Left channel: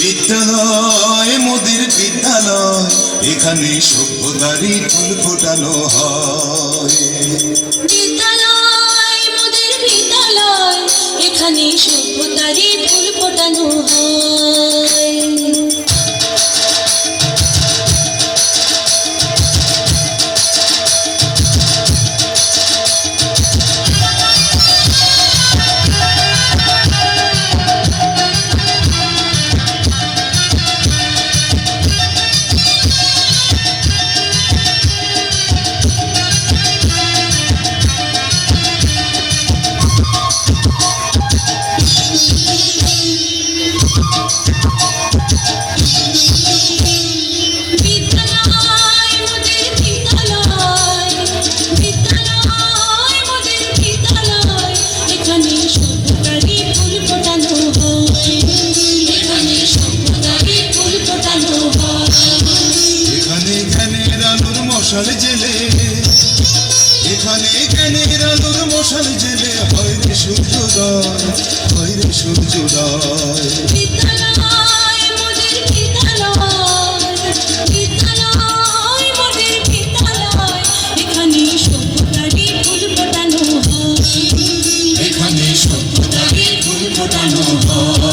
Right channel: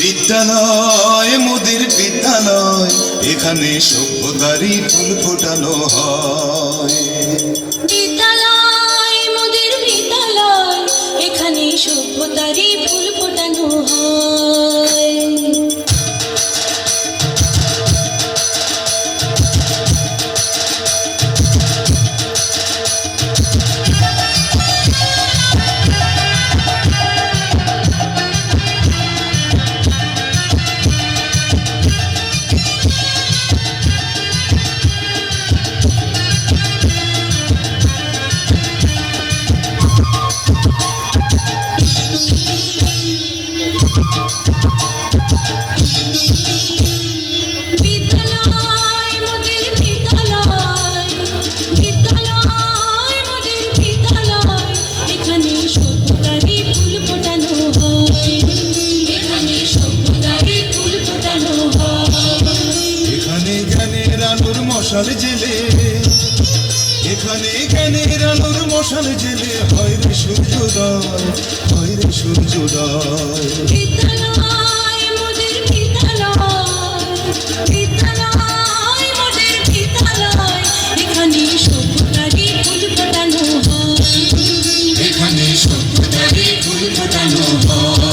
বিদ্যালয় মোদের বিদ্যালয়, এখানে সভ্যতারই ফুল ফোটানো হয়। বিদ্যালয় মোদের বিদ্যালয়, এখানে সভ্যতারই ফুল ফোটানো হয়। মশাল জেলে, এখানে জ্ঞানের আলোর মশাল জেলে হয় রে সূর্যোদয়, হয় রে সূর্যোদয়। বিদ্যালয় মোদের বিদ্যালয়, বিদ্যালয় মোদের বিদ্যালয়, এখানে সভ্যতারই ফুল ফোটানো হয়। এখানে সভ্যতারই ফুল ফোটানো হয়।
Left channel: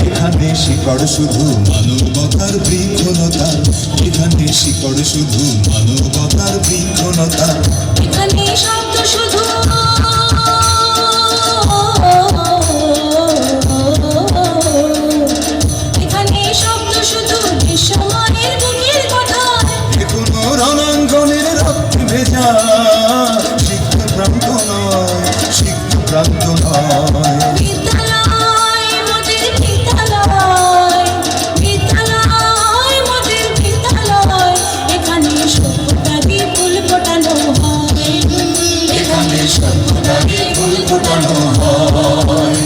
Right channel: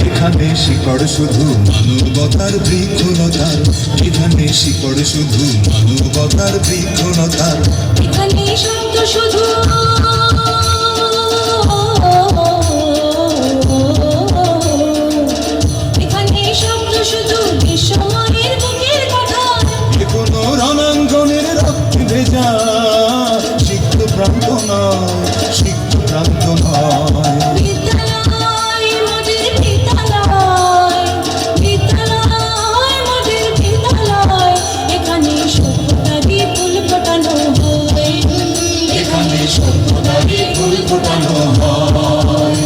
এখানে শিকড় শুধু মানবতার বৃক্ষলতার, এখানে শিকড় শুধু মানবতার বৃক্ষলতার। এখানে শব্দ শুধু এখানে শব্দ শুধু বিশ্বমায়ের বুকের কথা। এখনো রণাঙ্গনের রক্ত ভেজা সিক্ত প্রান্ত নয়, সিক্ত প্রান্ত নয়। বিদ্যালয় মোদের বিদ্যালয়, বিদ্যালয় মোদের বিদ্যালয়, এখানে সভ্যতারই ফুল ফোটানো হয়। এখানে সভ্যতারই ফুল ফোটানো হয়।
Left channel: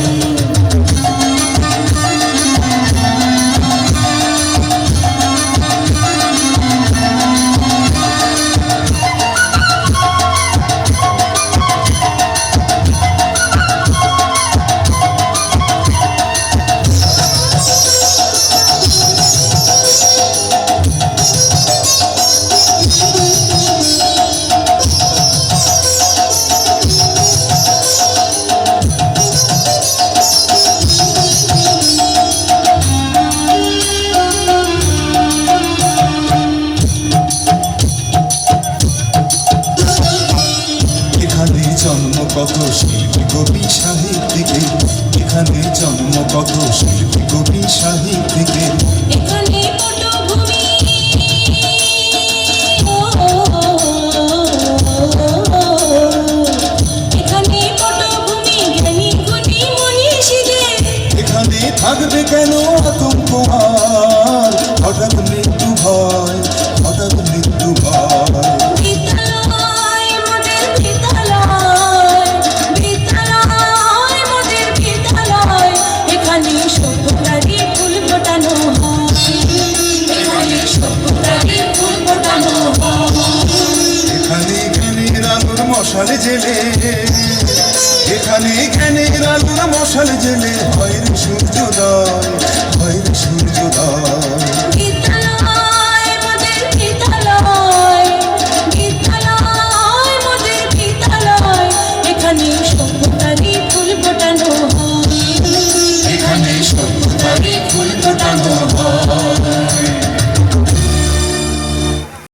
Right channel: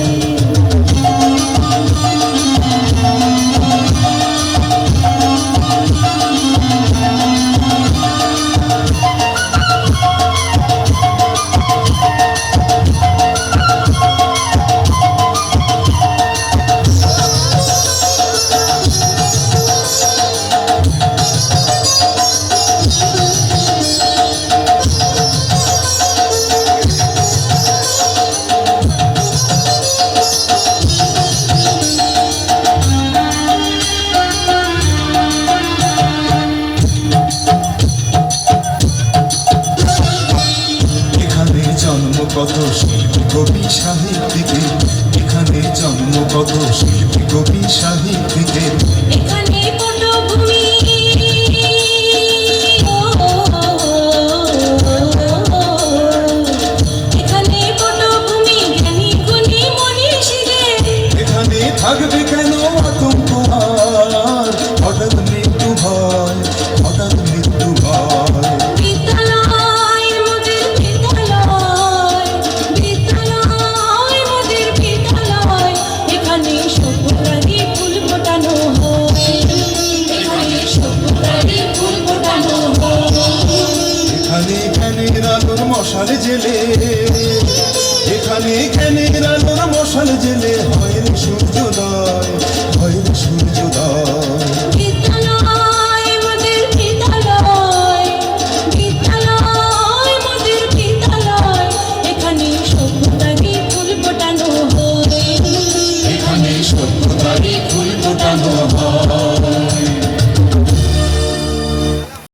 জন্ম কত শিল্পী কবি সাহিত্যিকের, এখানে জন্ম কত শিল্পী কবি সাহিত্যিকের। এখানে পটভূমি, এখানে পটভূমি জ্ঞানী গুণী মনীষীদের। এখানে থাকবে কেন আতঙ্ক আর হঠাৎ মৃত্যু ভয়, হঠাৎ মৃত্যু ভয়। বিদ্যালয় মোদের বিদ্যালয়, বিদ্যালয় মোদের বিদ্যালয়, এখানে সভ্যতারই ফুল ফোটানো হয়। এখানে সভ্যতারই ফুল ফোটানো হয়। এখানে জ্ঞানের আলোর মশাল জেলে, এখানে জ্ঞানের আলোর মশাল জেলে হয় রে সূর্যোদয়, হয় রে সূর্যোদয়।